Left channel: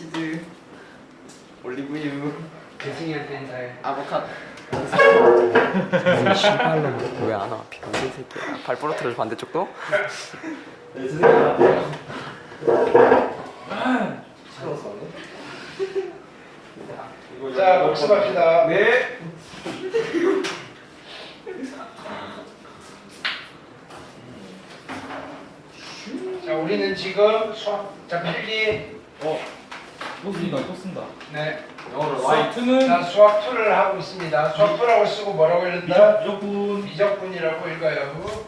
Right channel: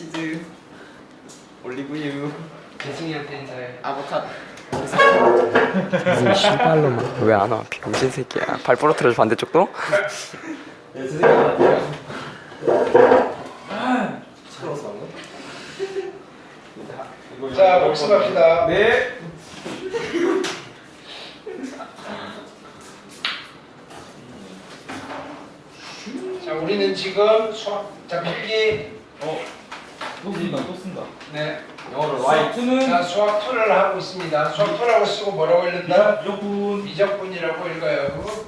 치즈, 올리브유, 대승이한테 인사해. 아보카도. 신발로만. 왜 안 와? 병신 새끼야. 발 부러뜨려서 반대쪽도? 네, 선생님. 시끄러웠어. 자, 복습합시다. 네. 자, 우리는 지금 수학 잡기 또 쓴다. 네. 영어로 Y2는 자, 수학 2를 하고 있습니다. 수학 2라고 쓰고 뭐라고 읽는다? 미적분. 미적분이라고 읽어요.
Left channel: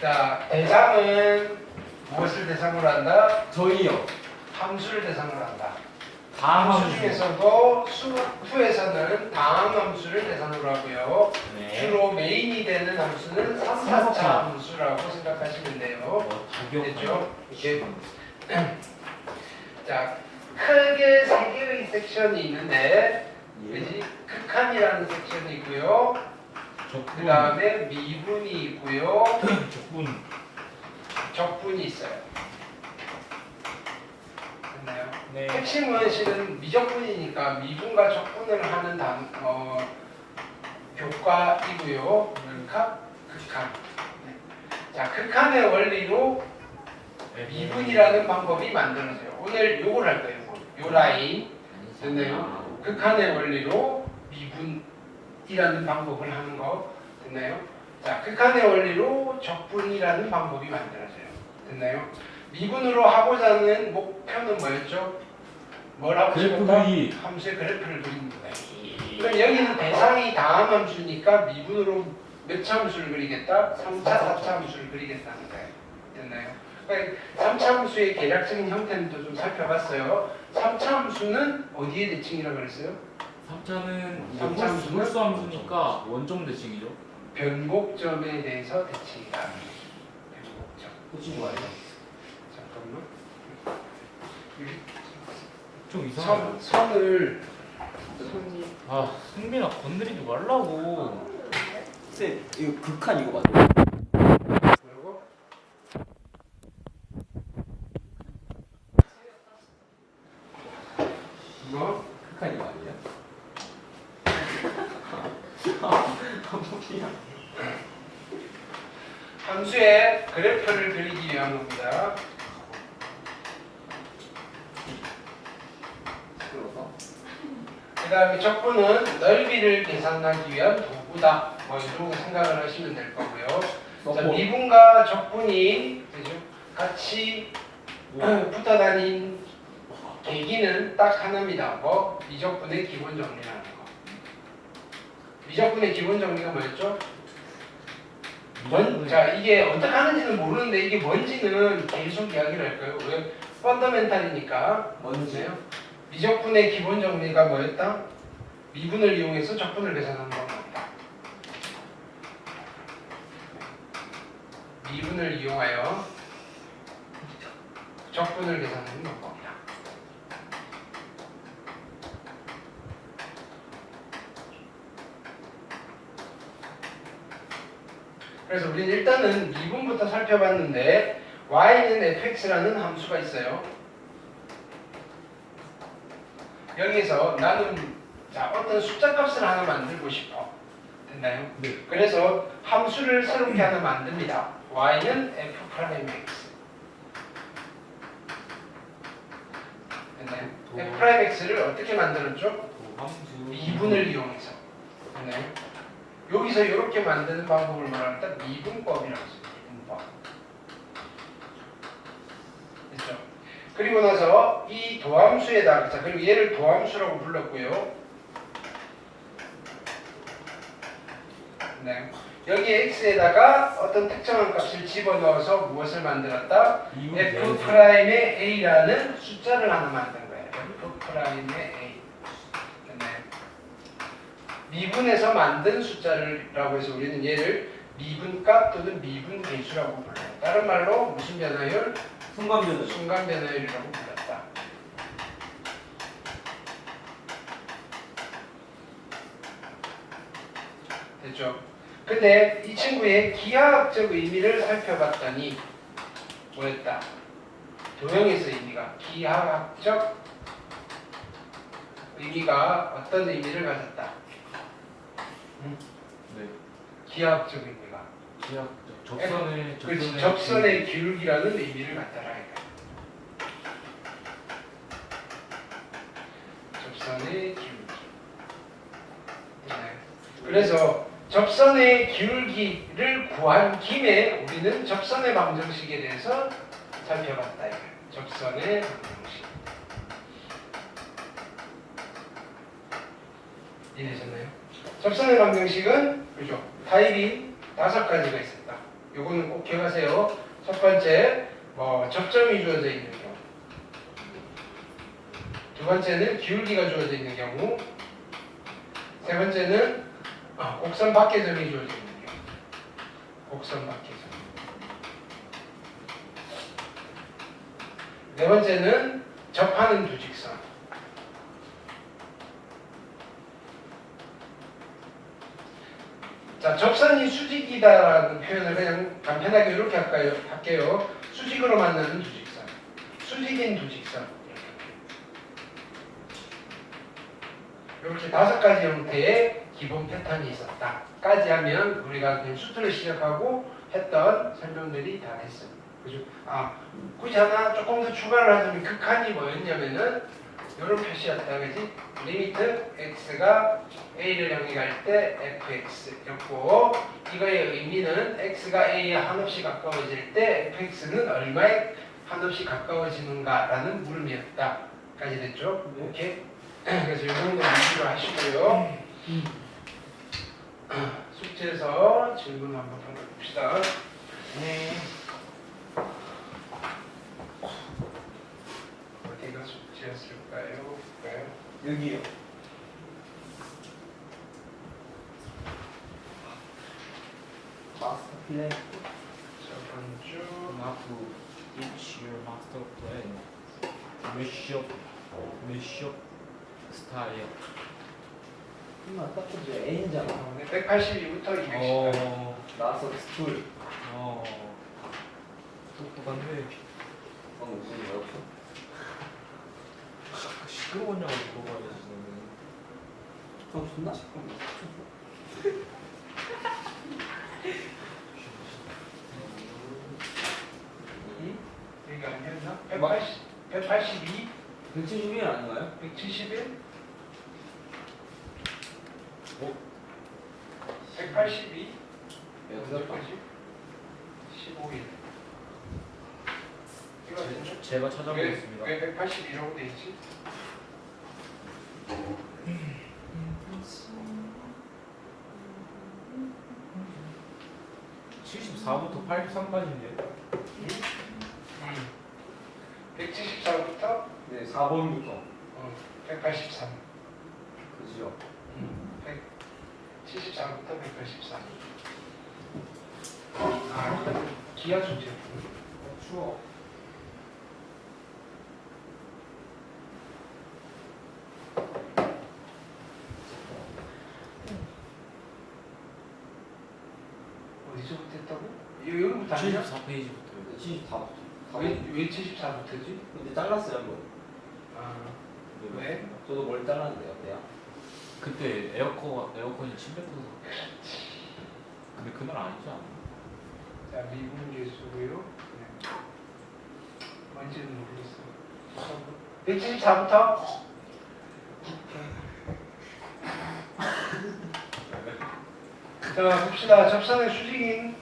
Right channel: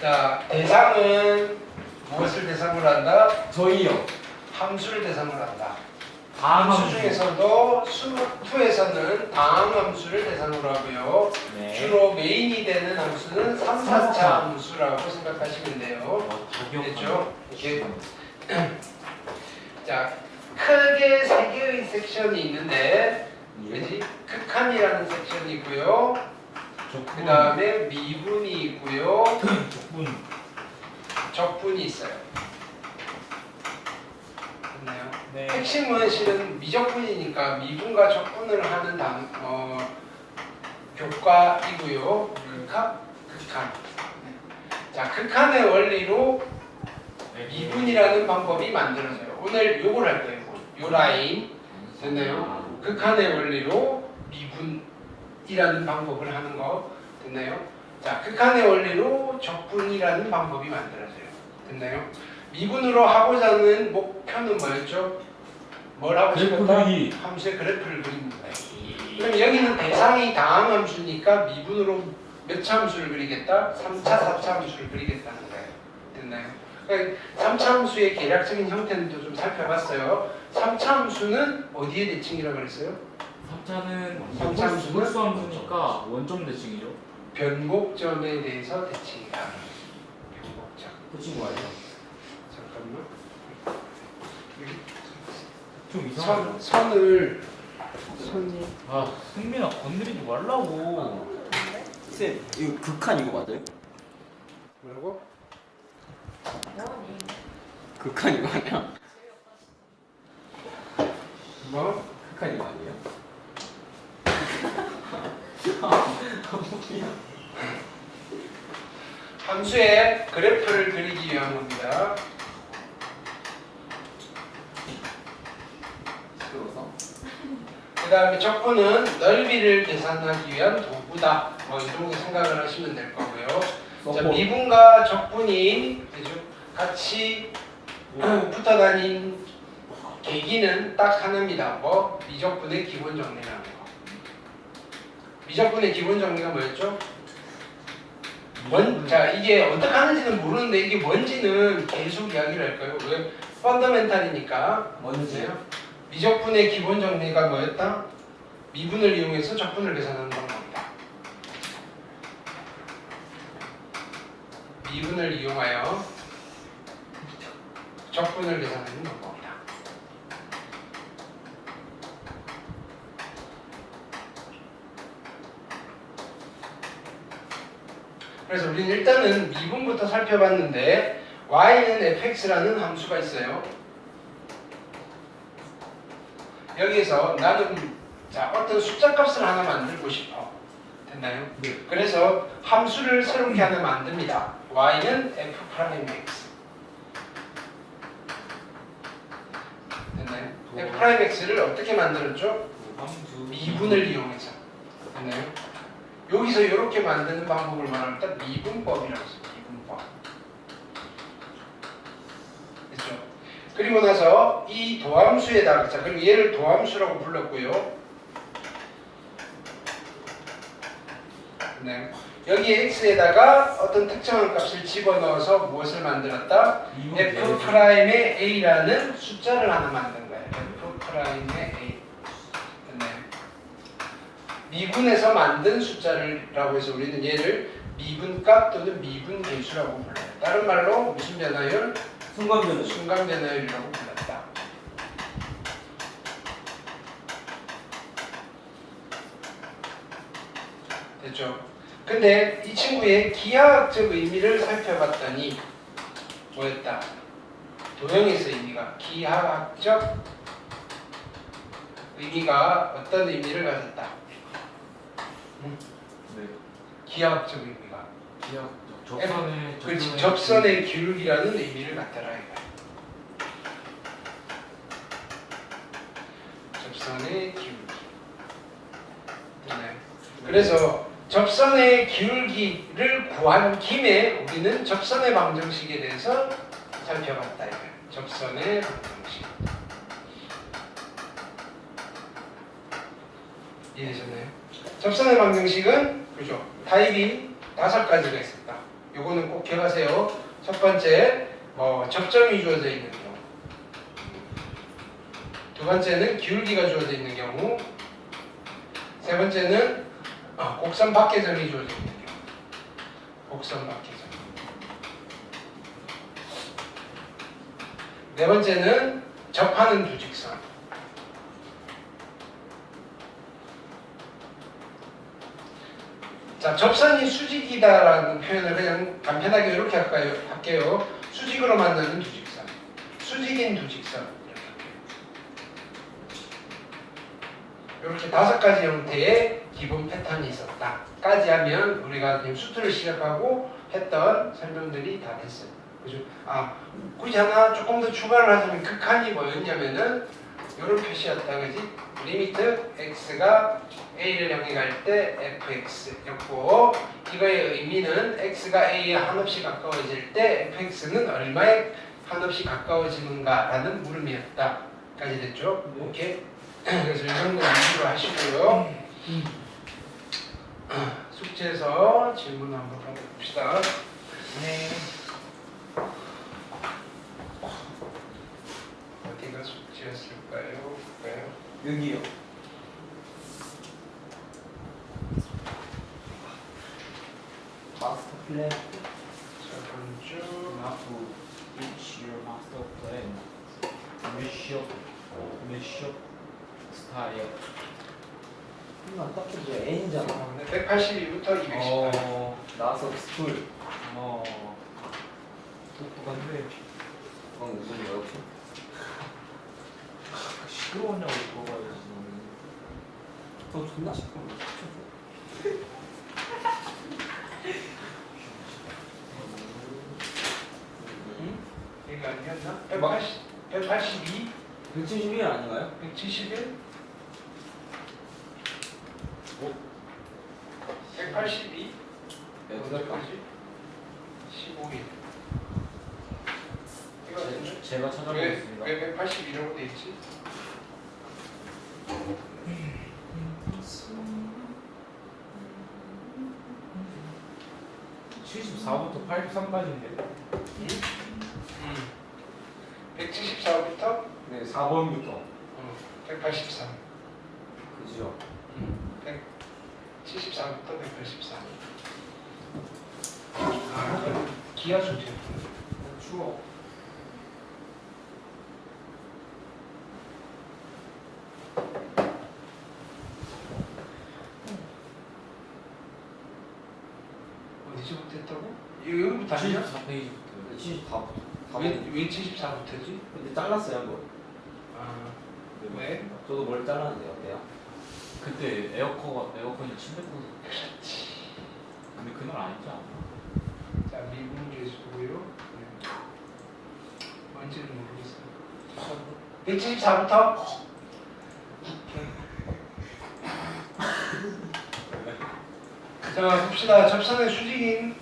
자, 대상은 무엇을 대상으로 한다? 저희요. 함수를 대상으로 한다. 다음 함수 중에서도 수 2에서는 다항함수를 대상으로 하고요. 네. 주로 메인이 되는 함수는 3, 4차 삼사차. 함수라고 생각하시면 돼요. 됐죠? 이렇게. 자, 크게 세 개의 섹션이 있는데, 그지? 극한이라는 섹션이 있고요. 그 다음에 미분이 있고요. 적분. 적분이 있어요. 됐나요? 네. 핵심은 실은 미적분이니까 미분과 적분을 하는 교과이고요. 극한. 자, 극한의 원리로 미분이라는 방법이 만들어져요. 오늘 요걸 할 거예요. 요 라인 됐나요? 극한의 원리로 미분이라는 방법을 하는 거 됐나요? 자, 극한의 원리로 적분이라는 방법이 만들어져요. 됐나요? 미분으로 하고자 하는 목표는 뭐였죠? 뭘 하고 싶었다? 함수의 그래프를 그리는 거예요. 그럼 여기는 대상이 다항함수니까 미분으로 몇 차 함수를 그리겠다? 3차, 4차 함수를 그리겠다는 거예요. 됐나요? 그러니까 3차 함수의 계략적인 형태는 또 좀 살펴봤어요. 3차 함수는 어디에 대칭이라고 그랬어요? 3차는 홀수함수니까 원점 대칭이죠. 변곡점에 대해서 대칭이다. 변곡점. 코칭 뭐예요? 잠깐만. 좀 이상하죠? 선을 아 승민아 건드리지 말라고. 쌤, 이거 극한 이거 맞아요? 뭐라고? 극한 이거 아니야? 뭐? 극한 이거 아니에요? 함수의 그래프를 그리기 위한 겁니다. 시끄러워서? 그 다음에 적분은 넓이를 계산하기 위한 도구다. 뭐 이 정도 생각을 하시면 될 거고요. 자, 미분과 적분이 그죠? 같이 붙어 다닌 계기는 딱 하나입니다. 뭐 미적분의 기본 정리라는 거. 미적분의 기본 정리가 뭐였죠? 자, 이게 어떻게 하는지는 모르는데 이게 뭔지는 계속 이야기를 할까요? 왜? 펀더멘탈이니까. 뭔지요? 미적분의 기본 정리가 뭐였다? 미분을 이용해서 적분을 계산하는 겁니다. 미분을 이용하여 적분을 계산하는 방법이다. 그래서 우리는 일단은 미분부터 살펴봤는데 y는 fx라는 함수가 있어요. 여기에서 나는 자 어떤 숫자 값을 하나 만들고 싶어. 됐나요? 네. 그래서 함수를 새롭게 하나 만듭니다. y는 f'x. 됐나요? f'x를 어떻게 만들었죠? 미분을 이용해서. 됐나요? 여기서 이렇게 만드는 방법을 말할 때 미분법이라고 써요. 미분법. 됐죠? 그리고 나서 이 도함수에다가 자 그리고 얘를 도함수라고 불렀고요. 네. 여기 x에다가 어떤 특정한 값을 집어넣어서 무엇을 만들었다? f'의 a라는 숫자를 하나 만든 거예요. f'의 a. 됐나요? 미분에서 만든 숫자라고 해서 우리는 얘를 미분값 또는 미분계수라고 불러요. 다른 말로 무슨 변화율? 순간 변화율이라고 불렀다. 됐죠? 근데 이 친구의 기하학적 의미를 살펴봤더니 뭐였다? 도형에서 의미가 기하학적 의미가 어떤 의미를 가졌다? 네. 기하학적 의미가 기억 접선의 그렇지 접선의 기울기라는 의미를 갖더라 이거야. 접선의 기울기. 됐나요? 그래서 접선의 기울기를 구한 김에 우리는 접선의 방정식에 대해서 살펴봤다 이거야. 접선의 방정식. 이해되셨나요? 접선의 방정식은 그죠? 타입이 5가지가 있습니다. 요거는 꼭 기억하세요. 첫 번째, 접점이 주어져 있는 경우. 두 번째는 기울기가 주어져 있는 경우. 세 번째는 곡선 밖의 점이 주어져 있는 경우. 곡선 밖의 점. 네 번째는 접하는 두 직선. 자, 접선이 수직이다라는 표현을 그냥 간편하게 이렇게 할게요. 수직으로 만나는 두 직선. 수직인 두 직선. 이렇게 5가지 형태의 기본 패턴이 있었다. 까지 하면 우리가 지금 수트를 시작하고 했던 설명들이 다 됐어요. 그죠? 굳이 하나 조금 더 추가를 하자면 극한이 뭐였냐면은 이런 표시였다. 그지? 리미트 x가 a를 향해 갈 때 fx였고 이거의 의미는 x가 a에 한없이 가까워질 때 fx는 얼마에 한없이 가까워지는가라는 물음이었다. 까지 됐죠? 네. 오케이. 그래서 이 정도 위주로 하시고요. 숙제에서 질문 한번 받아봅시다. 네. 어디가 숙제였을까요? 볼까요? 여기요. 마스터 플랜. 저번 주 하고 each your master plan. 미션 스타일. 딱 그죠. N이잖아. 182부터 210. 나서 스툴. 똑똑한데 방금 무슨 말 없어? 시끄러우냐고 물어봐야지. 존나 시끄러워. 얘가 아니었나? 막- 182? 171 아닌가요? 171? 오. 182? 야, 그다음 15일. 이거 아니죠? 제가 찾아보겠습니다. 왜 182라고 돼 있지? 음. 74부터 83까지인데. 174부터 네, 4번부터. 183. 그지요. 174부터 183. 기하 수제였군요. 추워. 어디서부터 했다고? 여기부터 아니야? 74페이지부터. 74부터. 왜 74부터지? 근데 잘랐어요, 한 번. 왜? 저도 머리 잘랐는데 어때요? 그때 에어컨이 침대고서. 근데 그날 아니지 않아? 자, 미분주의 수고요. 뭔지는 모르겠어요. 174부터? 자, 봅시다. 접선의 수직인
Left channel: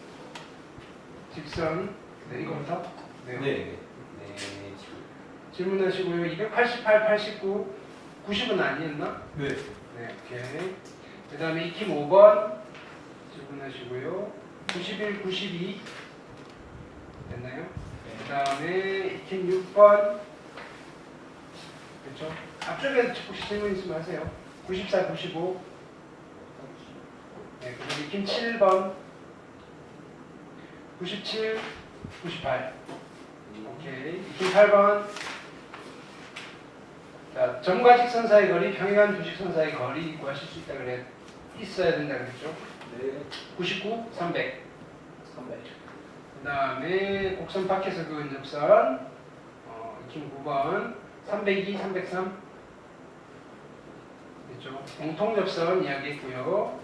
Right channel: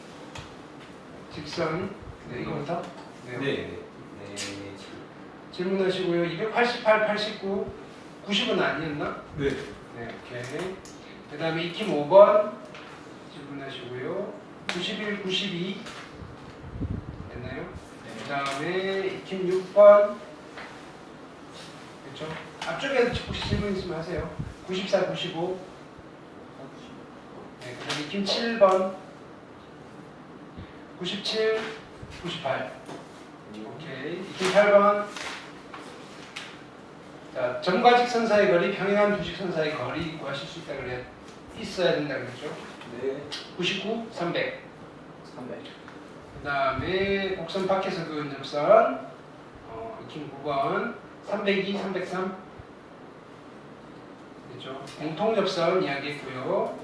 직선. 네, 이거부터? 네. 질문하시고요. 288, 89, 90은 아니었나? 네. 네, 오케이. 그 다음에 익힘 5번 질문하시고요. 91, 92 됐나요? 그 다음에 익힘 6번 그렇죠? 앞쪽에 혹시 질문 있으면 하세요. 94, 95 네, 그 다음에 익힘 7번 97, 98 오케이. 익힘 8번 자, 점과 직선 사이 거리, 평행한 두 직선 사이 거리 구하실 수 있다 그래요. 있어야 된다 그랬죠. 네. 99, 300. 300. 그 다음에 곡선 밖에서 그은 접선 익힘 9번 302, 303 그렇죠? 공통 접선 이야기했고요.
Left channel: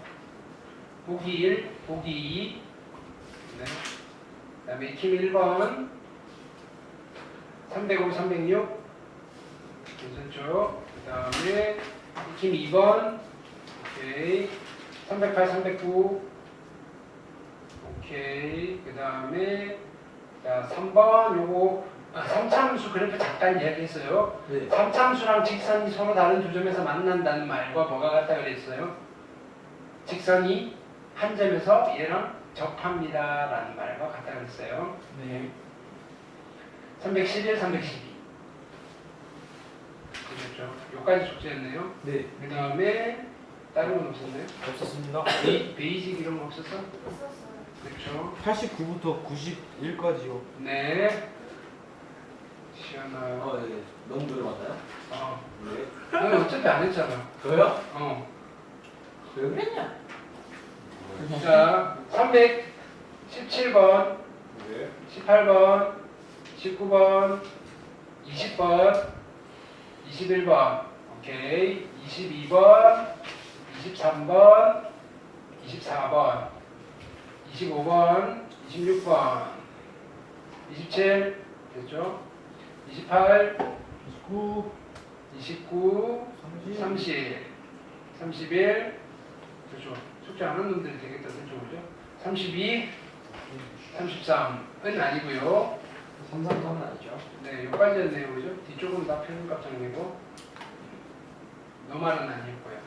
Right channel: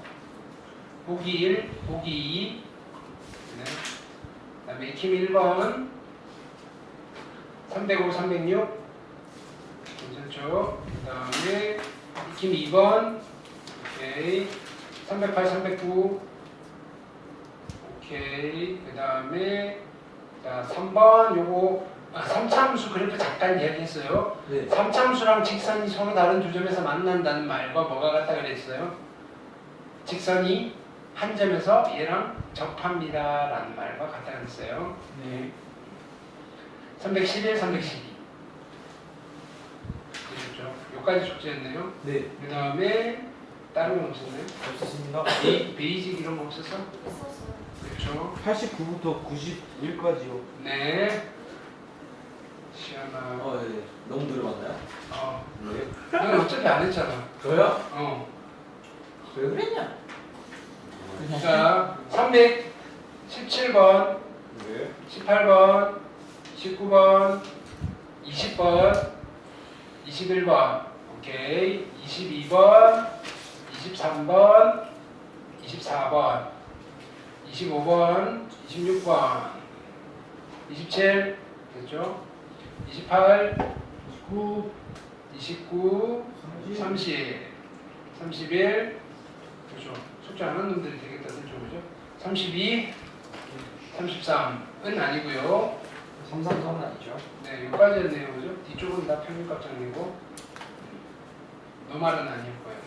보기 1, 보기 2 네. 그 다음에 익힘 1번 305, 306 괜찮죠? 그 다음에 익힘 2번 오케이 308, 309 오케이 그 다음에 3번 요거 3차함수 그래프 잠깐 이야기했어요. 네. 3차함수랑 직선이 서로 다른 두 점에서 만난다는 말과 뭐가 같다 그랬어요? 직선이 한 점에서 얘랑 접합니다 라는 말과 같다 그랬어요. 네. 311, 312 그렇죠? 여기까지 숙제였네요. 네. 그 다음에 다른 건 없었나요? 없었습니다. 베이직 이런 거 없었어? 있었어요. 그렇죠? 89부터 91까지요. 네. 시원하. 네. 너무 들어봤나요? 네. 넌 어차피 안 했잖아. 저요? 왜 그랬냐? 자, 317번, 네. 18번, 19번, 20번, 21번, 오케이, 22번, 23번, 24번, 25번, 26번, 27, 됐죠? 28, 29, 29, 30, 31, 그렇죠? 숙제 안 하는 놈들이 되겠다, 그죠? 32, 33은 아니고요. 333은 아니죠? 네, 여기까지였네요, 그죠? 뒤쪽은 다 평균값정리고 너 말은 아니고요.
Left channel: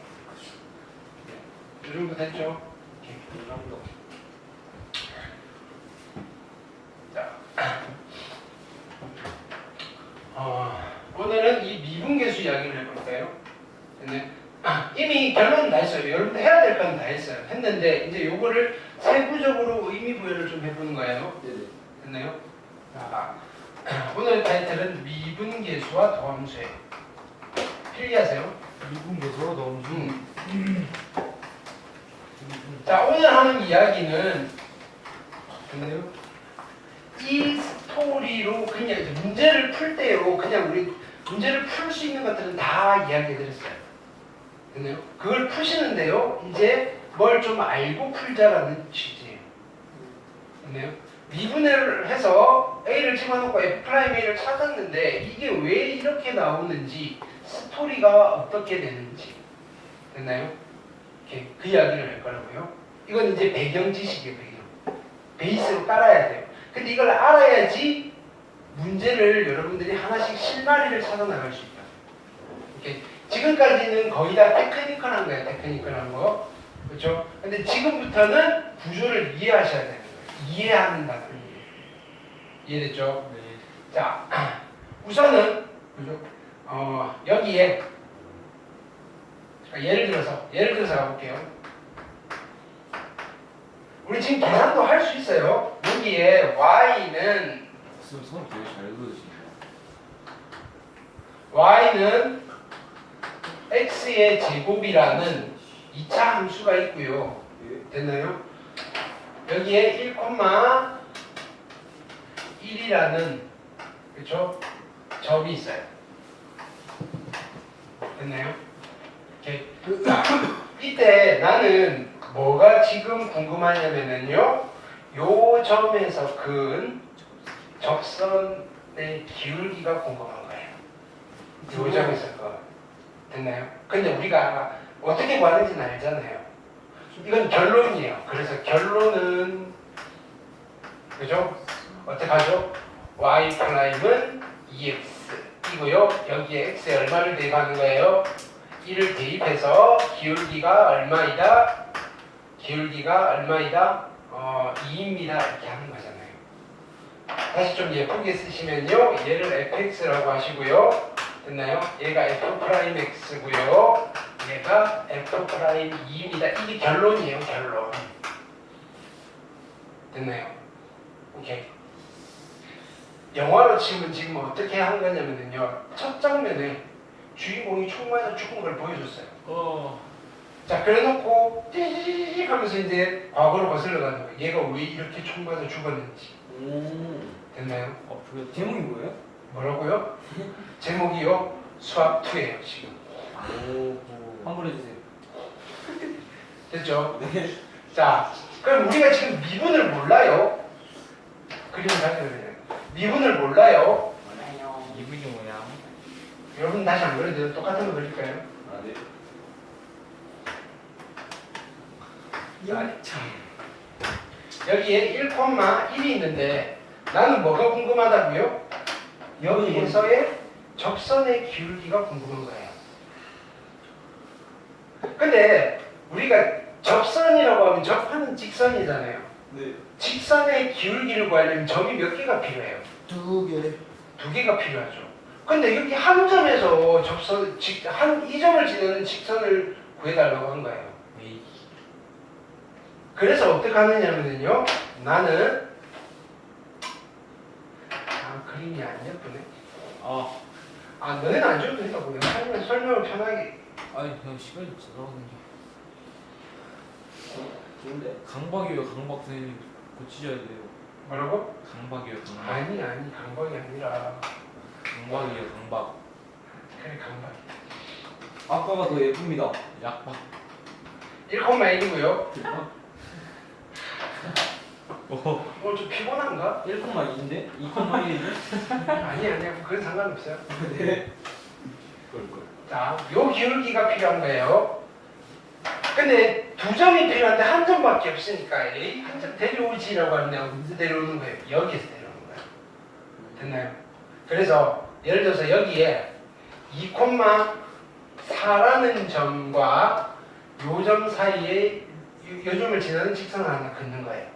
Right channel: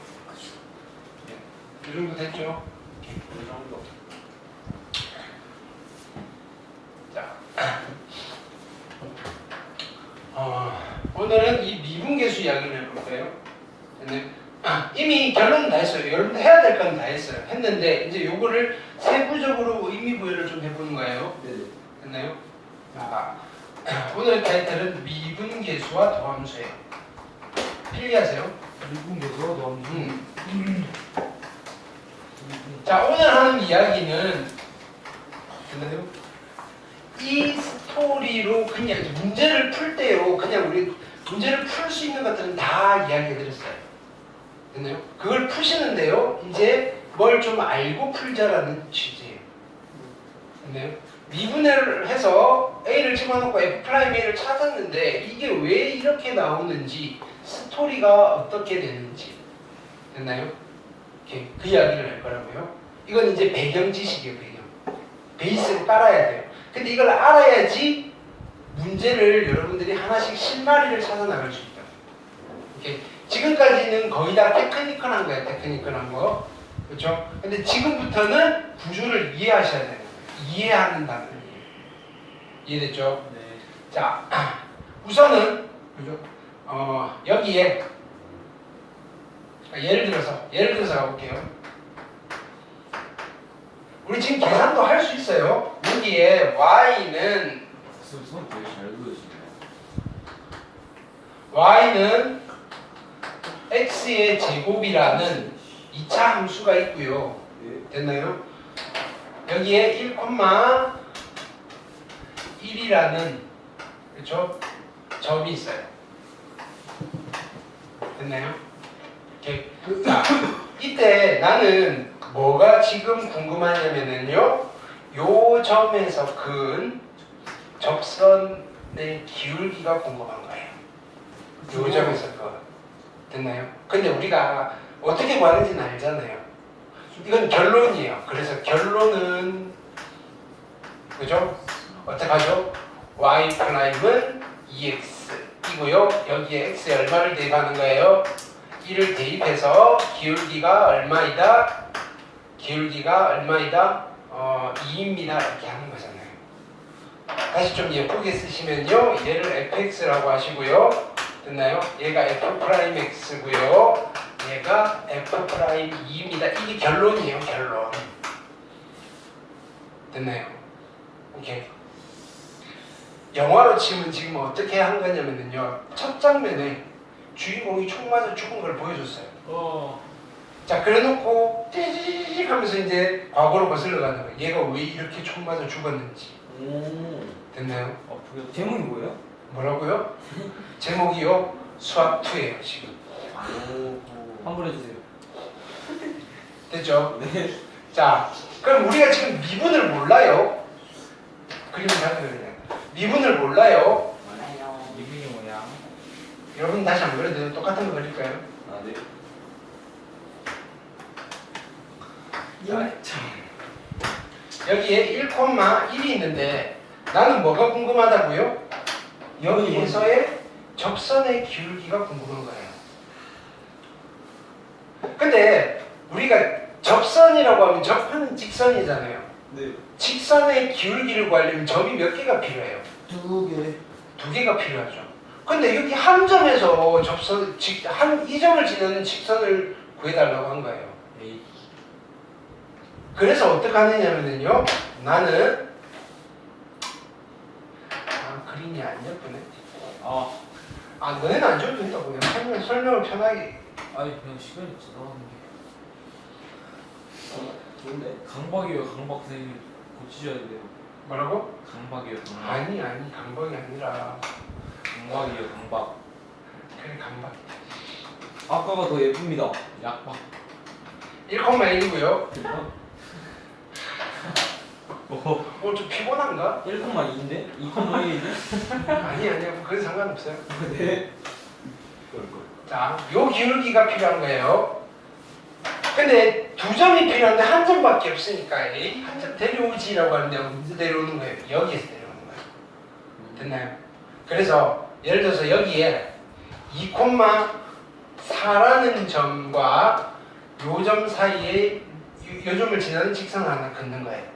네, 이 정도 됐죠? 이 정도. 자, 오늘은 이 미분계수 이야기를 해볼까요? 네. 이미 결론은 다 했어요. 여러분들 해야 될 건 다 했어요. 했는데 이제 요거를 세부적으로 의미 부여를 좀 해보는 거예요. 네네. 됐나요? 오늘의 타이틀은 미분계수와 도함수예요. 필기하세요. 미분계수 범수. 자, 오늘 하는 이야기는 됐나요? 이 스토리로 그냥 이제 문제를 풀 때요. 그냥 우리 문제를 풀 수 있는 것들은 다 이야기해드렸어요. 됐나요? 그걸 푸시는데요. 이제 뭘 좀 알고 풀자라는 취지예요. 됐나요? 미분을 해서 A를 집어넣고 F'A를 찾았는데 이게 왜 이렇게 나오는지 스토리가 어떻게 되는지 됐나요? 이렇게 그 이야기를 할 거라고요. 이건 이제 배경 지식이에요. 배경. 베이스로 깔아야 돼요. 근데 이걸 알아야지 문제를 여러분들이 하나씩 실마리를 찾아 나갈 수 있죠. 이렇게 지금까지는 거의 다 테크니컬한 거예요. 테크니컬한 거. 그렇죠? 근데 지금부터는 구조를 이해하셔야 되는 거예요. 이해한다는 거예요. 이해됐죠? 네. 자, 우선은 그죠? 여기에 예를 들어서 가볼게요. 우리 지금 계산도 할 수 있어요. 여기에 y는 수업 되게 잘 보여주시네요. y는 x의 제곱이라는 2차 함수가 있고요. 됐나요? 여기에 1,1이라는 그렇죠? 점이 있어요. 됐나요? 이렇게. 자, 이때 나는 뭐가 지금 궁금하냐면요. 요 점에서 그은 접선의 기울기가 궁금한 거예요. 요 점에서 그 됐나요? 근데 우리가 어떻게 구하는지는 알잖아요. 이건 결론이에요. 그래서 결론은 그죠? 어떻게 하죠? y 프라임은 2x 이고요. 여기에 x에 얼마를 대입하는 거예요? 1을 대입해서 기울기가 얼마이다? 기울기가 얼마이다? 2입니다. 이렇게 하는 거잖아요. 다시 좀 예쁘게 쓰시면요. 얘를 fx라고 하시고요. 됐나요? 얘가 f'x고요. 얘가 f'2입니다. 이게 결론이에요. 결론. 됐나요? 오케이. 영화로 치면 지금 어떻게 한 거냐면요. 첫 장면에 주인공이 총 맞아 죽은 걸 보여줬어요. 자, 그래놓고 띠익 하면서 이제 과거로 거슬러 가는 거예요. 얘가 왜 이렇게 총 맞아 죽었는지. 됐나요? 어떻게 제목이 뭐예요? 뭐라고요? 제목이요? 수학 2예요 지금. 환불해 주세요. 됐죠? 네. 자, 그럼 우리가 지금 미분을 몰라요. 그림을 봐야 되냐? 미분을 몰라요. 몰라요. 미분이 뭐야? 여러분 다시 안 그래도 똑같은 거 그릴까요? 아 네. 자, 여기에 1,1이 있는데 나는 뭐가 궁금하다고요? 여기에서의 접선의 기울기가 궁금한 거예요. 근데 우리가 접선이라고 하면 접하는 직선이잖아요. 네. 직선의 기울기를 구하려면 점이 몇 개가 필요해요? 2개. 2개가 필요하죠. 근데 여기 한 점에서 이 점을 지나는 직선을 구해달라고 한 거예요. 에이. 그래서 어떻게 하느냐면요. 나는 그림이 안 예쁘네. 너네는 안 줘도 된다고. 설명을 편하게. 아니 그냥 시간이 지나가는 게. 좋은데? 강박이에요. 강박 선생님 고치셔야 돼요. 뭐라고? 강박이에요. 강박. 아니 강박이 아니라 강박이에요. 강박. 그래 강박. 아까가 더 예쁩니다. 약박. 1,1이고요. 오. 오늘 좀 피곤한가? 1,2인데? 2,1인데? 아니야. 그건 상관없어요. 네. 자, 요 기울기가 필요한 거예요. 근데 2점이 필요한데 한 점밖에 없으니까 이 한 점 데려오지라고 하는데 어디서 데려오는 거예요? 여기에서 데려오는 거예요. 됐나요? 그래서 예를 들어서 여기에 2,4라는 점과 요 점 사이에 요 점을 지나는 직선을 하나 긋는 거예요.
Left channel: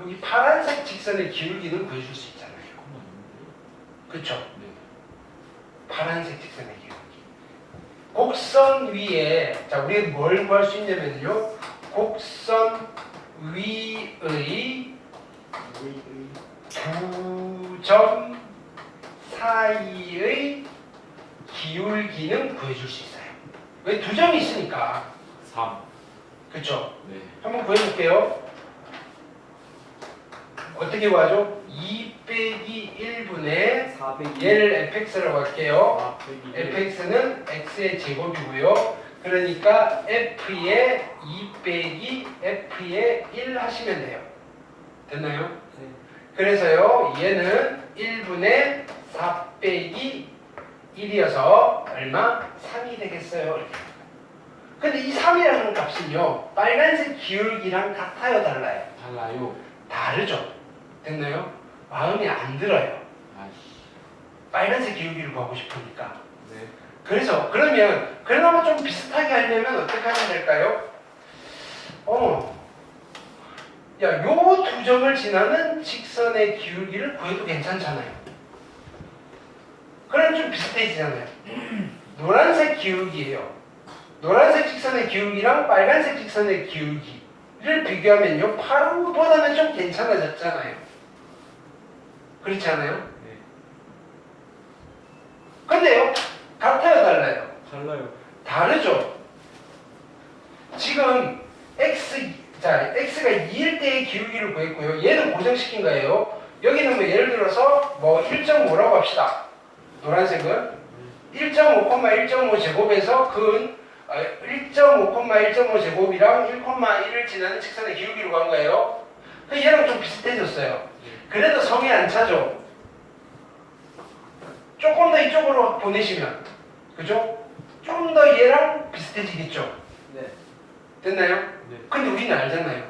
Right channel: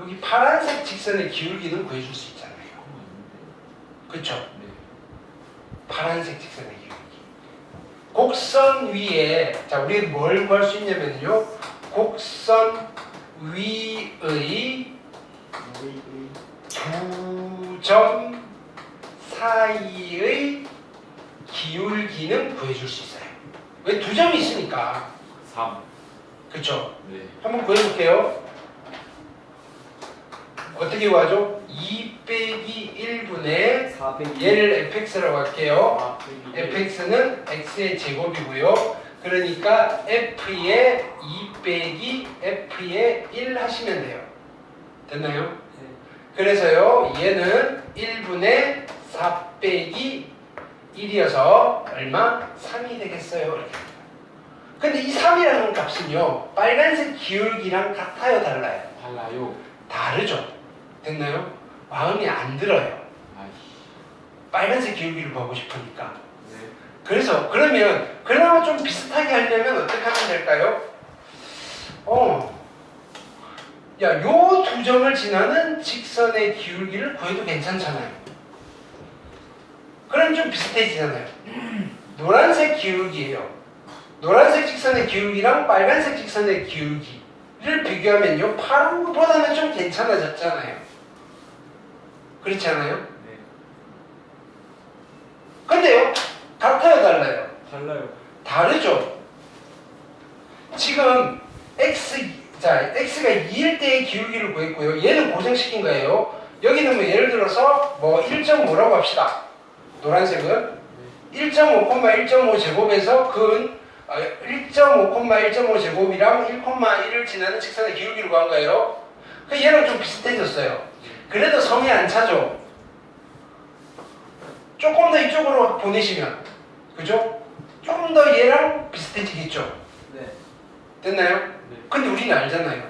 여기 파란색 직선의 기울기는 구해줄 수 있잖아요. 그쵸? 네. 파란색 직선의 기울기. 곡선 위에, 자, 우리 뭘 구할 수 있냐면요. 곡선 위의 2점 사이의 기울기는 구해줄 수 있어요. 왜 2점이 있으니까. 3. 그쵸? 네. 한번 구해볼게요. 어떻게 구하죠? 2 빼기 1분의 400이. 얘를 fx라고 할게요. 아, fx는 x의 제곱이고요. 그러니까 f의 2 빼기 f의 1 하시면 돼요. 됐나요? 네. 그래서요. 얘는 1분의 4 빼기 1이어서 얼마? 3이 되겠어요. 이렇게. 근데 이 3이라는 값은요. 빨간색 기울기랑 같아요? 달라요? 달라요. 다르죠? 됐나요? 마음에 안 들어요. 아이씨. 빨간색 기울기를 구하고 싶으니까. 네. 그래서 그러면 그나마 좀 비슷하게 하려면 어떻게 하면 될까요? 야, 요 2점을 지나는 직선의 기울기를 구해도 괜찮잖아요. 그럼 좀 비슷해지잖아요. 노란색 기울기예요. 노란색 직선의 기울기랑 빨간색 직선의 기울기를 비교하면요, 파란 것보다는 좀 괜찮아졌잖아요. 그렇지 않아요? 네. 근데요, 같아요, 달라요? 달라요. 다르죠. 지금 x가 2일 때의 기울기를 구했고요. 얘는 고정시킨 거예요. 여기는 뭐 예를 들어서 뭐 1.5라고 합시다. 노란색은 1.5, 제곱에서 근 1.5, 제곱이랑 1,1을 지나는 직선의 기울기를 구한 거예요. 그 얘랑 좀 비슷해졌어요. 그래도 성에 안 차죠. 조금 더 이쪽으로 보내시면, 그죠? 조금 더 얘랑 비슷해지겠죠. 네. 됐나요? 네. 근데 우리는 알잖아요.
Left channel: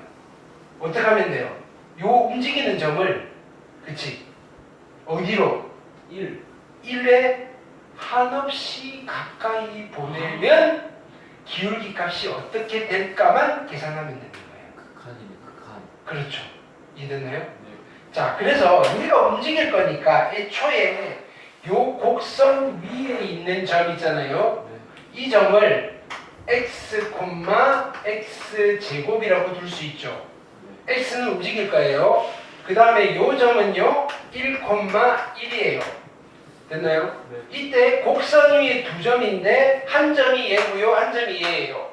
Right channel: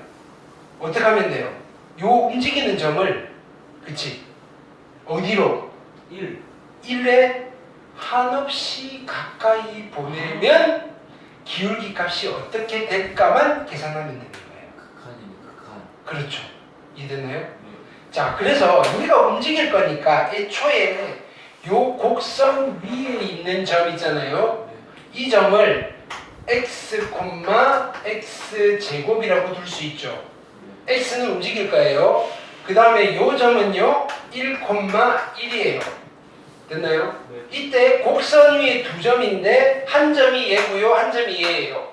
어떻게 하면 돼요? 요 움직이는 점을, 그치? 어디로? 1에 한없이 가까이 보내면 기울기 값이 어떻게 될까만 계산하면 되는 거예요. 극한이네. 극한. 그렇죠. 이해됐나요? 네. 자, 그래서 우리가 움직일 거니까 애초에 요 곡선 위에 있는 점 있잖아요. 네. 이 점을 x, x 제곱이라고 둘 수 있죠. x는 움직일 거예요. 그 다음에 요 점은요 1,1이에요. 됐나요? 네. 이때 곡선 위에 2점인데 한 점이 얘고요, 한 점이 얘예요.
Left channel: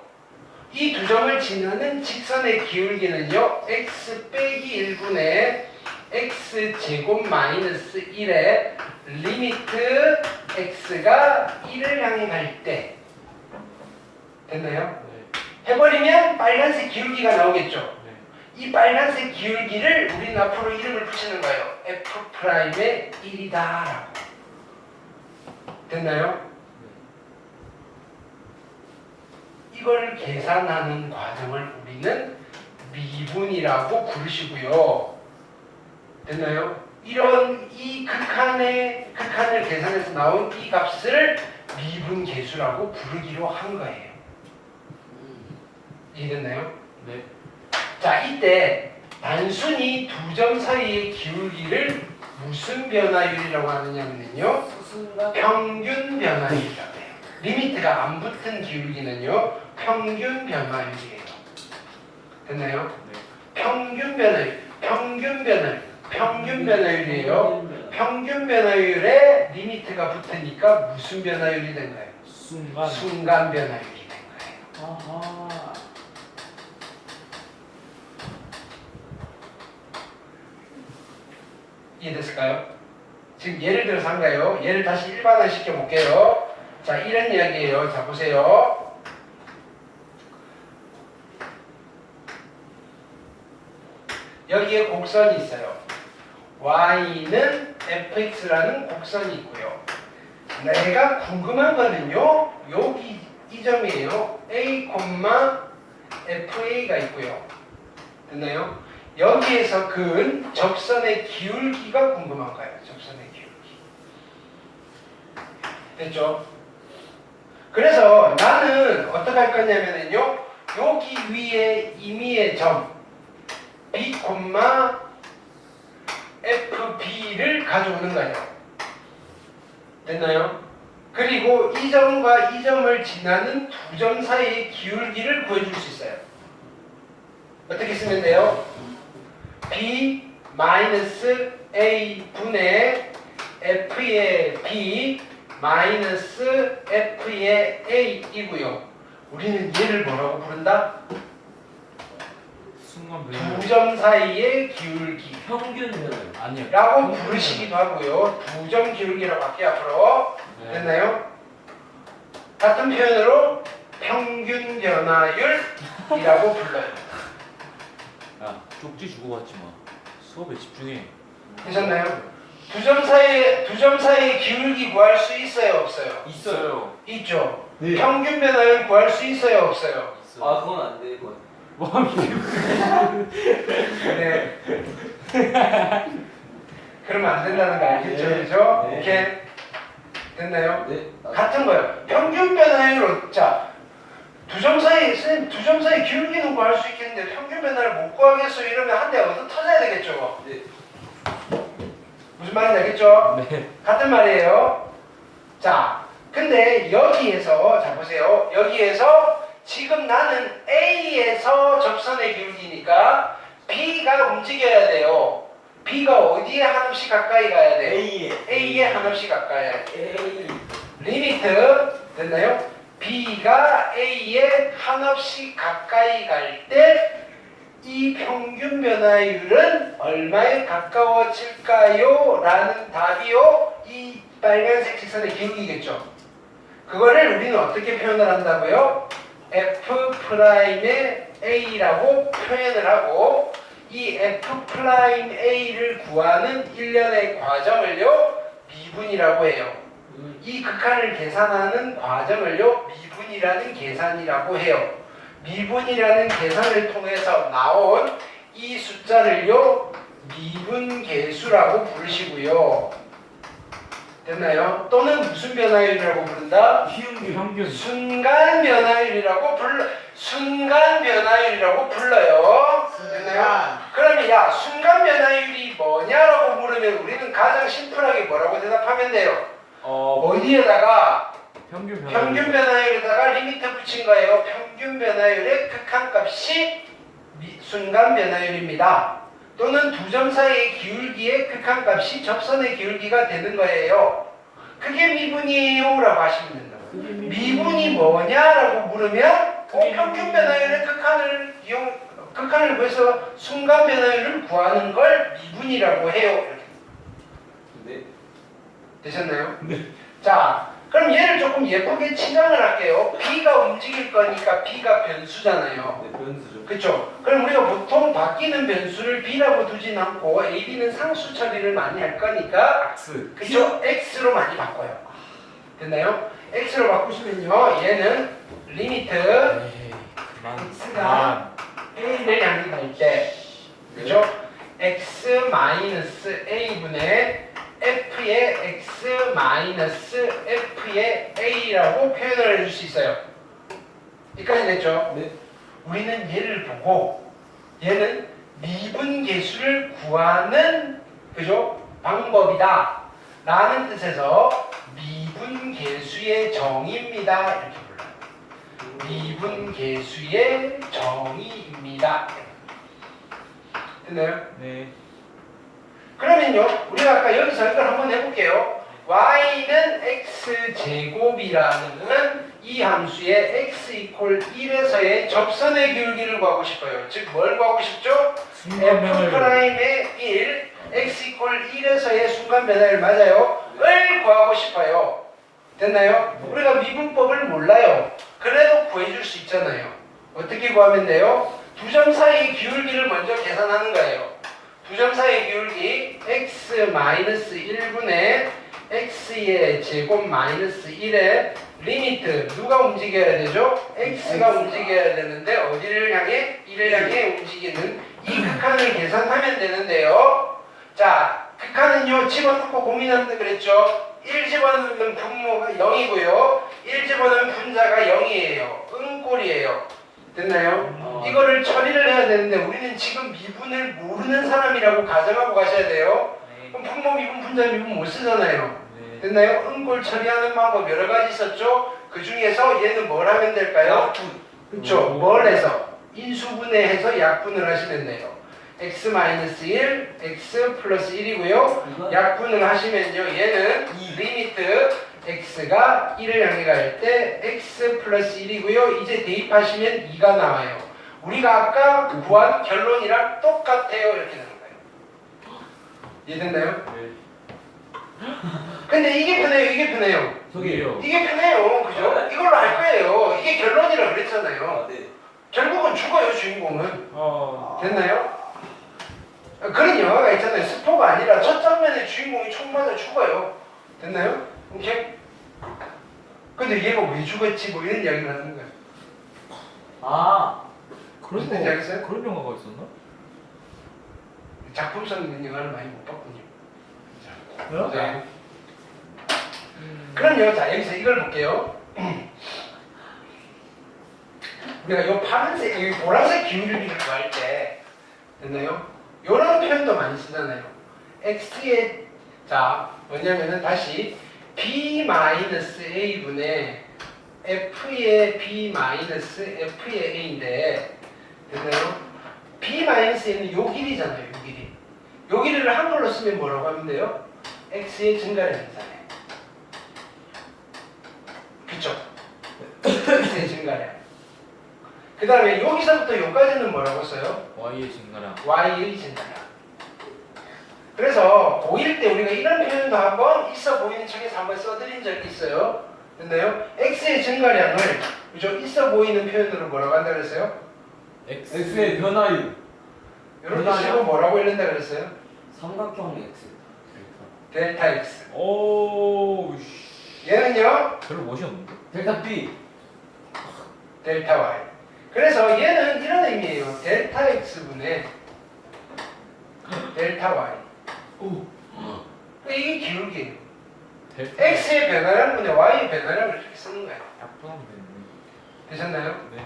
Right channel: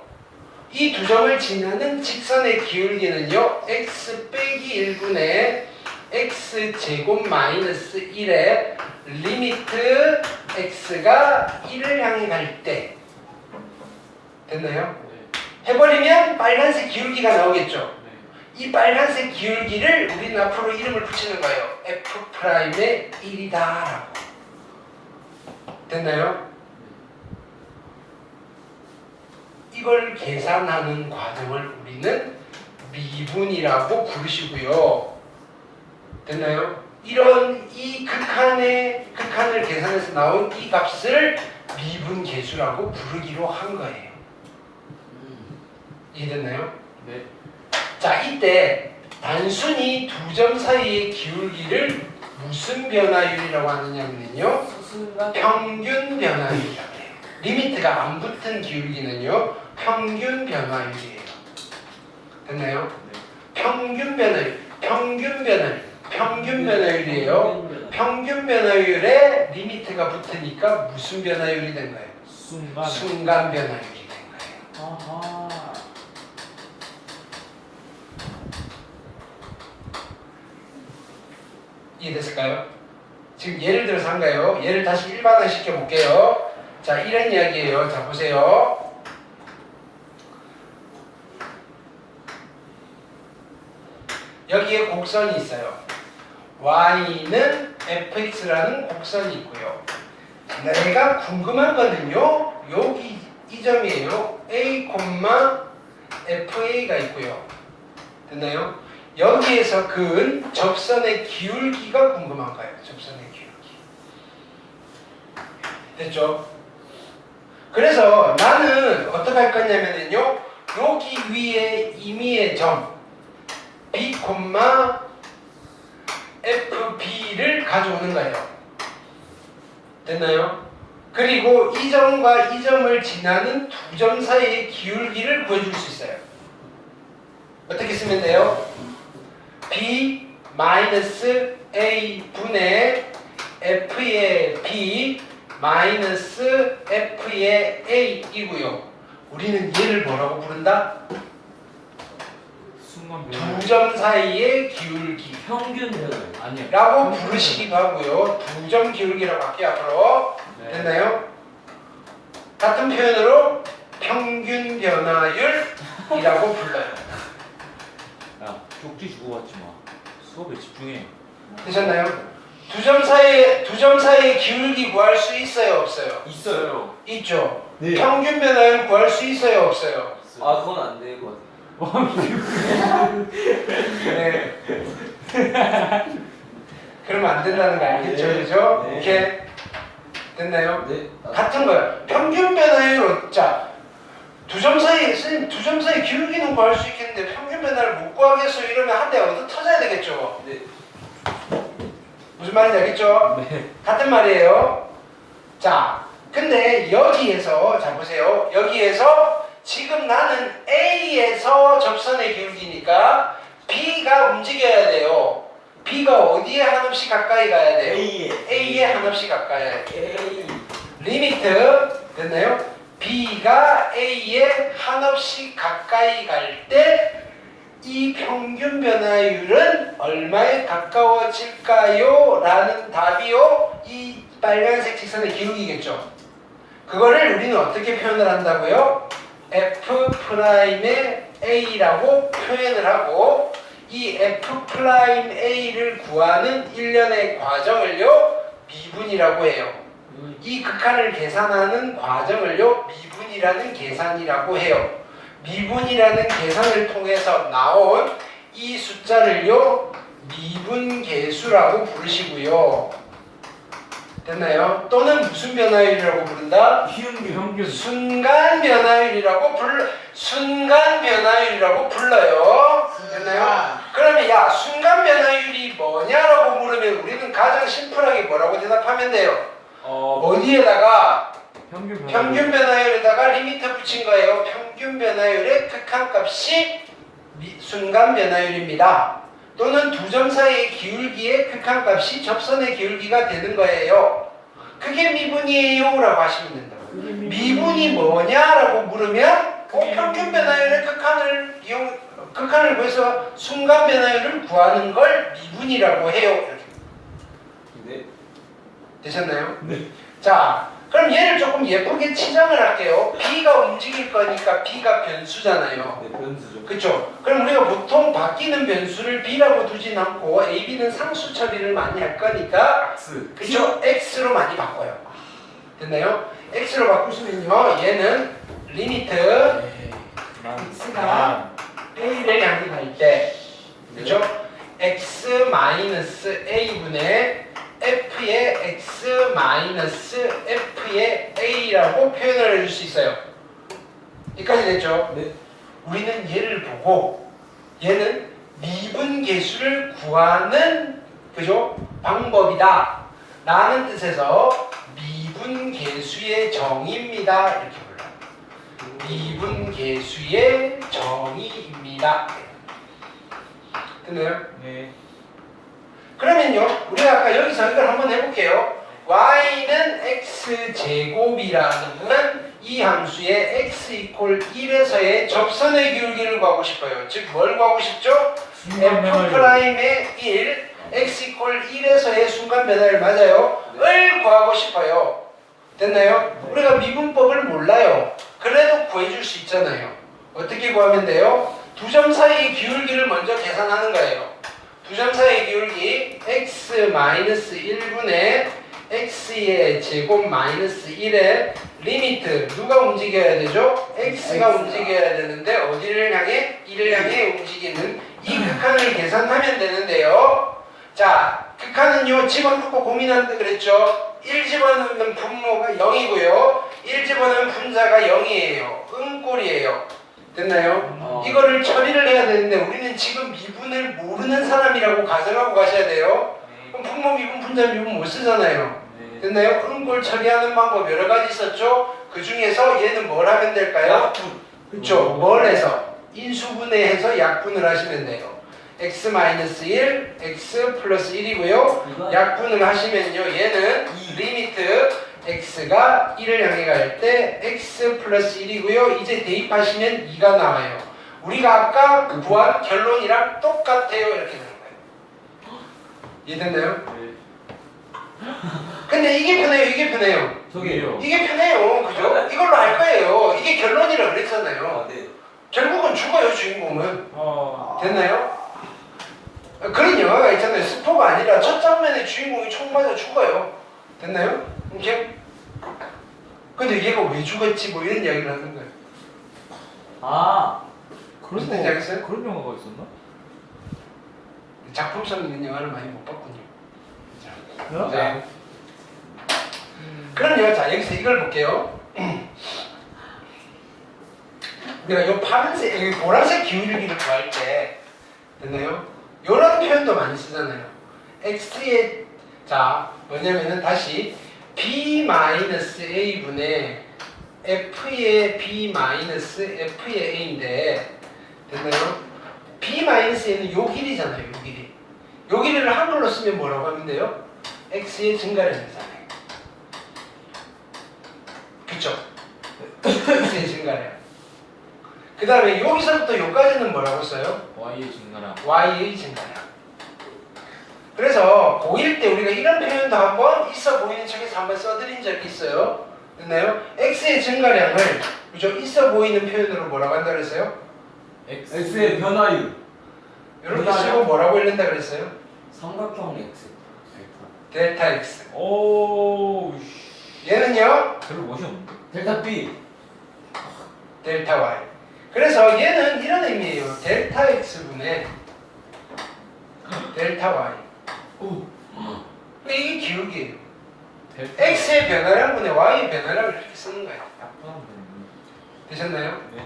이 2점을 지나는 직선의 기울기는요 x 빼기 1분의 x제곱 마이너스 1에 리미트 x가 1을 향해 갈 때 됐나요? 해버리면 빨간색 기울기가 나오겠죠? 이 빨간색 기울기를 우리는 앞으로 이름을 붙이는 거예요. F'의 1이다 라고. 됐나요? 이걸 계산하는 과정을 우리는 미분이라고 부르시고요. 됐나요? 이런 이 극한을 계산해서 나온 이 값을 미분계수라고 부르기로 한 거예요. 이해됐나요? 네. 자, 이때 단순히 두 점 사이의 기울기를 무슨 변화율이라고 하느냐면요, 평균 변화율이라고 해요. 리미트가 안 붙은 기울기는요, 평균 변화율이에요. 됐나요? 평균 변화율이에요. 평균 변화율에 리미트가 붙으니까 무슨 변화율이 된 거예요? 순간 변화율이 된 거예요. 아하. 이해됐을까요? 지금 예를 들어서 한 거예요. 예를 다시 일반화 시켜볼게요. 자, 이런 이야기예요. 자, 보세요. 여기에 곡선이 있어요. y는 fx라는 곡선이 있고요. 내가 궁금한 거는요, 여기 이 점이에요. a, fa가 있고요. 됐나요? 여기에서 그은 접선의 기울기가 궁금한 거예요. 접선의 기울기. 됐죠? 그래서 나는 어떻게 할 거냐면요, 여기 위에 임의의 점 b, fb를 가져오는 거예요. 됐나요? 그리고 이 점과 이 점을 지나는 두 점 사이의 기울기를 구해줄 수 있어요. 어떻게 쓰면 돼요? b 마이너스 a 분의 f의 b 마이너스 f의 a 이고요. 우리는 얘를 뭐라고 부른다? 두 점 사이의 기울기 평균 변화율. 아니요. 라고 부르시기도 하고요. 두 점 기울기라고 할게요. 앞으로. 됐나요? 같은 표현으로 평균 변화율이라고 불러요. 야, 쪽지 주고 왔지 마. 수업에 집중해. 되셨나요? 두 점 사이의 기울기 구할 수 있어요, 없어요? 있어요. 있죠. 네. 평균 변화율 구할 수 있어요, 없어요? 아, 그건 안 될 것 같아요. 네. 그러면 안 된다는 거 알겠죠, 네. 그죠? 네. 오케이. 됐나요? 네. 같은 거예요. 평균 변화율은 자, 두 점 사이 기울기는 구할 수 있겠는데 평균 변화를 못 구하겠어 이러면 한 대가 어디 터져야 되겠죠. 네. 무슨 말인지 알겠죠? 네. 같은 말이에요. 자, 근데 여기에서 자 보세요. 여기에서 지금 나는 A에서 접선의 기울기니까 B가 움직여야 돼요. B가 어디에 한없이 가까이 가야 돼요? A에 한없이 가까이 가야 돼요. 리미트 됐나요? B가 A에 한없이 가까이 갈 때 이 평균 변화율은 얼마에 가까워질까요? 라는 답이요. 이 빨간색 직선의 기울기겠죠. 그거를 우리는 어떻게 표현을 한다고요? F'의 A라고 표현을 하고 이 F'A를 구하는 일련의 과정을요 미분이라고 해요. 이 극한을 계산하는 과정을요 미분이라는 계산이라고 해요. 미분이라는 계산을 통해서 나온 이 숫자를요 미분계수라고 부르시고요. 됐나요? 또는 무슨 변화율이라고 부른다? 평균. 순간 변화율이라고 불러요. 됐나요? 그러면 야 순간 변화율이 뭐냐라고 물으면 우리는 가장 심플하게 뭐라고 대답하면 돼요? 어디에다가 평균 변화율에다가 리미트 붙인 거예요. 평균 변화율의 극한값이 순간 변화율입니다. 또는 두 점 사이의 기울기의 극한값이 접선의 기울기가 되는 거예요. 그게 미분이에요 라고 하시면 된다고. 미분이 뭐냐라고 물으면 평균 변화율의 극한을 극한을 구해서 순간 변화율을 구하는 걸 미분이라고 해요. 이렇게. 네. 되셨나요? 네. 자, 그럼 얘를 조금 예쁘게 치장을 할게요. B가 움직일 거니까 B가 변수잖아요. 네, 변수죠. 그렇죠? 그럼 우리가 보통 바뀌는 변수를 B라고 두진 않고 A, B는 상수 처리를 많이 할 거니까 X. 그죠? X로 많이 바꿔요. 됐나요? X로 바꾸시면요. 얘는 리미트 X가 A를 향해 갈 때 그죠? X 마이너스 A분의 F의 X 마이너스 F의 A라고 표현을 해줄 수 있어요. 여기까지 됐죠? 네. 우리는 얘를 보고 얘는 미분계수를 구하는 그죠? 방법이다 라는 뜻에서 미분계수의 정의입니다 이렇게 불러요. 미분계수의 정의입니다. 됐나요? 네. 그러면요 우리가 아까 여기서 이걸 한번 해볼게요. y는 x제곱이라는 이 함수의 x 이퀄 1에서의 접선의 기울기를 구하고 싶어요. 즉 뭘 구하고 싶죠? f'의 1 x 이퀄 1에서의 순간 변화를 맞아요. 을 구하고 싶어요. 됐나요? 우리가 미분법을 몰라요. 그래도 구해줄 수 있잖아요. 어떻게 구하면 돼요? 두 점 사이의 기울기를 먼저 계산하는 거예요. 두 점 사이의 기울기 x-1분의 x의 제곱 마이너스 1의 리미트 누가 움직여야 되죠? x가 움직여야 되는데 어디를 향해? 1을 향해 움직이는 이 극한을 계산하면 되는데요. 자, 극한은요 집어넣고 고민하는데 그랬죠? 1 집어넣으면 분모가 0이고요 1 집어넣으면 분자가 0이에요. 응꼴이에요. 됐나요? 이거를 처리를 해야 되는데 우리는 지금 미분을 모르는 사람이라고 가정하고 가셔야 돼요. 그럼 분모, 미분, 분자, 미분 못 쓰잖아요. 됐나요? 응골 처리하는 방법 여러 가지 있었죠? 그 중에서 얘는 뭘 하면 될까요? 약분. 그쵸? 뭘 해서? 인수분해해서 약분을 하시면 돼요. x-1, x 플러스 1이고요. 약분을 하시면요. 얘는 리미트 x가 1을 향해 갈 때 x 플러스 1이고요. 이제 대입하시면 2가 나와요. 우리가 아까 구한 결론이랑 똑같아요. 이렇게 되는 거예요. 이해됐나요? 네. 근데 이게 편해요. 이게 편해요. 저기요. 이게 편해요. 그죠? 이걸로 할 거예요. 이게 결론이라 그랬잖아요. 아, 네. 결국은 죽어요. 주인공은. 어. 됐나요? 그런 영화가 있잖아요. 스포가 아니라 첫 장면에 주인공이 총 맞아 죽어요. 됐나요? 이렇게? 근데 얘가 왜 죽었지? 뭐 이런 이야기를 하는 거예요. 아, 그런 무슨 얘기 하겠어요? 그런 영화가 있었나? 작품성 있는 영화를 많이 못 봤군요. 그래요? 네. 그럼요. 자, 여기서 이걸 볼게요. 우리가 요 파란색, 여기 보라색 기울기를 구할 때, 됐나요? 요런 표현도 많이 쓰잖아요. x의, 자, 뭐냐면은 다시 b-a분의 f의 b-f의 a인데, 됐나요? b-a는 요 길이잖아요. 요 길이. 요 길이를 한글로 쓰면 뭐라고 하면 돼요? x의 증가량이잖아요. 그쵸? x의 증가량. 그 다음에 여기서부터 여기까지는 뭐라고 써요? Y의 증가량. y의 증가량. 그래서 고1 때 우리가 이런 표현도 한번 있어 보이는 척에서 한번 써드린 적이 있어요. 됐나요? x의 증가량을 그죠? 있어 보이는 표현으로 뭐라고 한다 그랬어요? X의 변화율. 이렇게 변화량? 쓰고 뭐라고 읽는다 그랬어요? 삼각형 X. 델타 x. 오. 씨. 얘는요? 별로 멋이 없는데. 델타 B. 델타 y. 그래서 얘는 이런 의미예요. 델타 x분의 델타 y. 오. 이게 기울기예요. 델타. x의 변화량분의 y의 변화량을 이렇게 쓰는 거예요. 약분하면 되는데. 되셨나요? 네.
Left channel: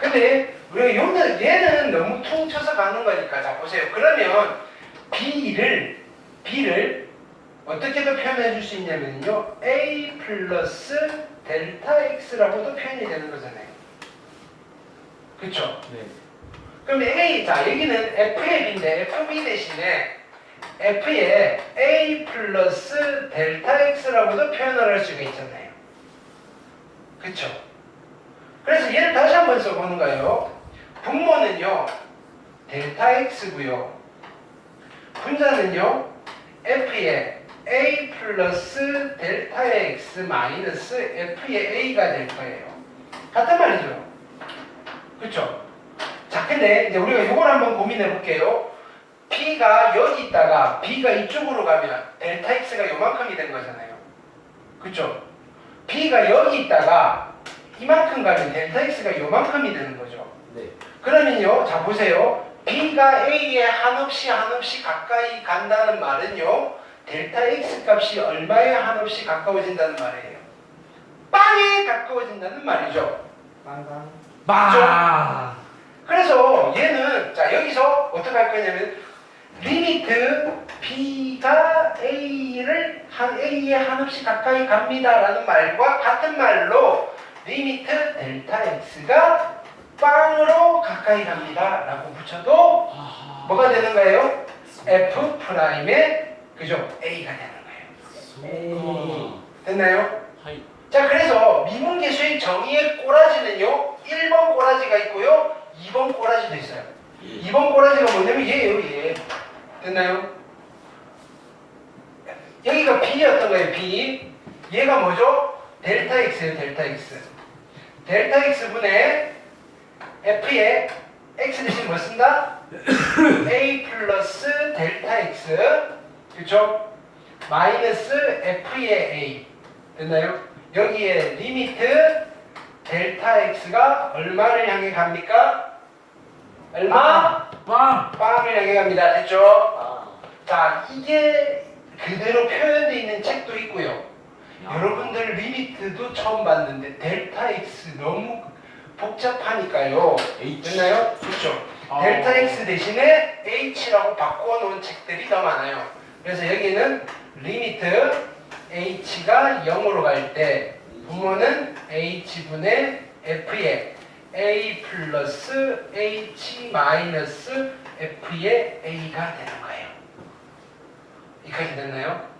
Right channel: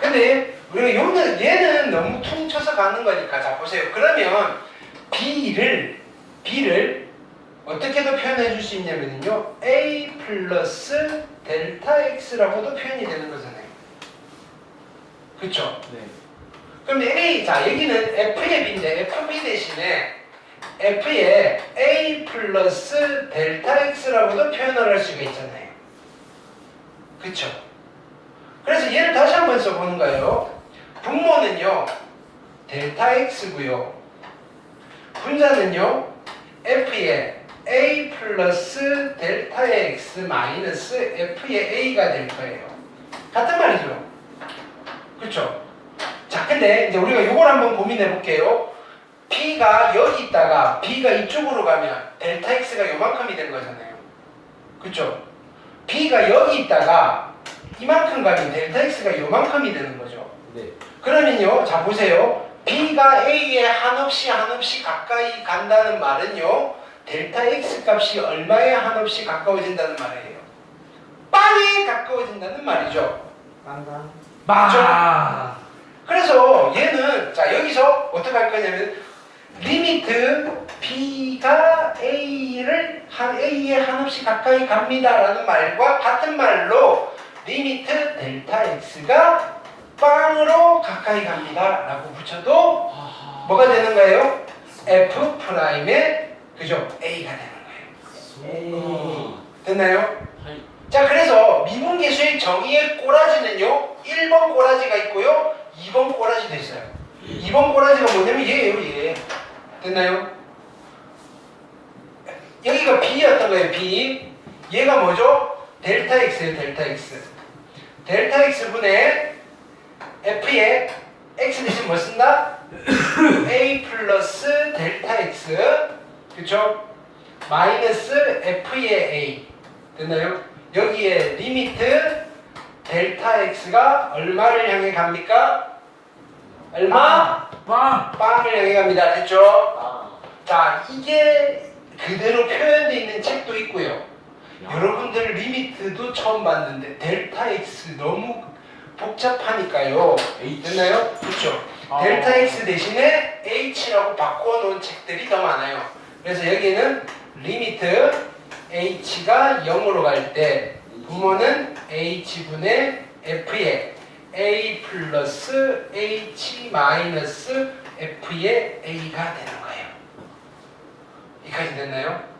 근데 우리가 얘는 너무 퉁쳐서 가는 거니까 자 보세요. 그러면 b를 어떻게도 표현해 줄 수 있냐면요. a 플러스 델타 x라고도 표현이 되는 거잖아요. 그쵸? 네. 그럼 a, 자 여기는 f의 b인데 fb 대신에 f의 a 플러스 델타 x라고도 표현을 할 수가 있잖아요. 그쵸? 그래서 얘를 다시 한번 써보는 거예요. 분모는요 델타 x고요. 분자는요 f의 a 플러스 델타 x 마이너스 f의 a가 될 거예요. 같은 말이죠. 그렇죠? 자, 근데 이제 우리가 이걸 한번 고민해 볼게요. P가 여기 있다가 B가 이쪽으로 가면 델타 X가 요만큼이 되는 거잖아요. 그렇죠? B가 여기 있다가 이만큼 가면 델타 X가 요만큼이 되는 거죠. 네. 그러면요, 자 보세요. B가 A에 한없이 가까이 간다는 말은요, 델타 X 값이 얼마에 한없이 가까워진다는 말이에요. 빵에 가까워진다는 말이죠. 빵빵. 마. 그래서 얘는 자 여기서 어떻게 할 거냐면 리미트 B가 A에 한없이 가까이 갑니다라는 말과 같은 말로 리미트 델타 X가 빵으로 가까이 갑니다라고 붙여도 뭐가 되는 거예요? F 프라임의 그죠? A가 되는 거예요. 됐나요? 자, 그래서 미분계수의 정의의 꼬라지는요 1번 꼬라지가 있고요 2번 꼬라지도 있어요. 2번 꼬라지가 뭐냐면 얘예요. 얘. 됐나요? 여기가 B였던 거예요. B. 얘가 뭐죠? 델타 X예요. 델타 X. 델타 X분의 F에 X 대신 뭐 쓴다? A 플러스 델타 X. 그쵸? 마이너스 F의 A. 됐나요? 여기에 리미트 델타 X가 얼마를 향해 갑니까? 얼마? 빵. 빵을 향해 갑니다. 됐죠? 아. 자, 이게 그대로 표현되어 있는 책도 있고요. 여러분들 리미트도 처음 봤는데 델타 X 너무 복잡하니까요. 됐나요? 그렇죠? 델타 X 대신에 H라고 바꿔놓은 책들이 더 많아요. 그래서 여기는 리미트 H가 0으로 갈 때 부모는 H분의 F의 A 플러스 H 마이너스 F의 A가 되는 거예요. 여기까지 됐나요?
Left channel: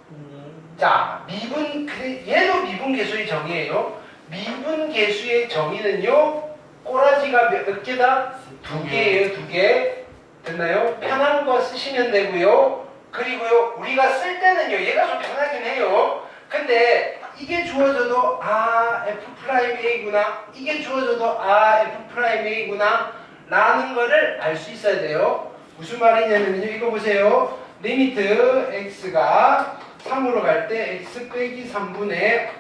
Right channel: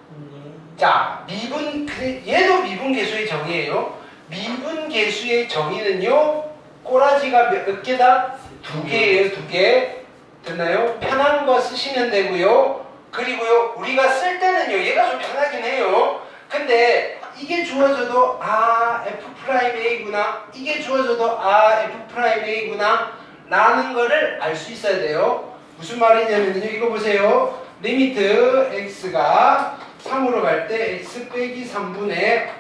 자, 얘도 미분계수의 정의예요. 미분계수의 정의는요, 꼬라지가 몇 개다? 2개예요, 2개. 됐나요? 편한 거 쓰시면 되고요. 그리고요, 우리가 쓸 때는요, 얘가 좀 편하긴 해요. 근데 이게 주어져도 F'A구나, 이게 주어져도 F'A구나 라는 거를 알 수 있어야 돼요. 무슨 말이냐면요, 이거 보세요. 리미트 x가 3으로 갈 때 x 빼기 3분의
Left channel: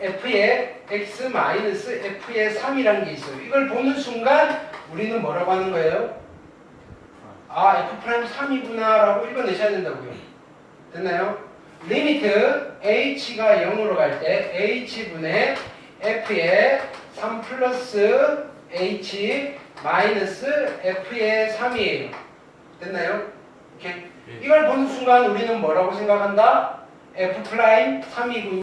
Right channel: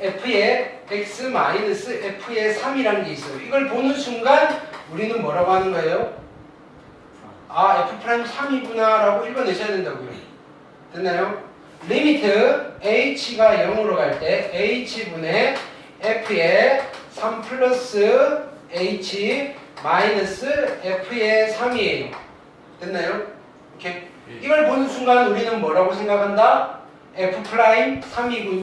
f의 x 마이너스 f의 3이라는 게 있어요. 이걸 보는 순간 우리는 뭐라고 하는 거예요? f' 3이구나 라고 읽어내셔야 된다고요. 됐나요? 리미트 h가 0으로 갈 때 h분의 f의 3 플러스 h 마이너스 f의 3이에요. 됐나요? 이렇게 이걸 보는 순간 우리는 뭐라고 생각한다? f' 3이군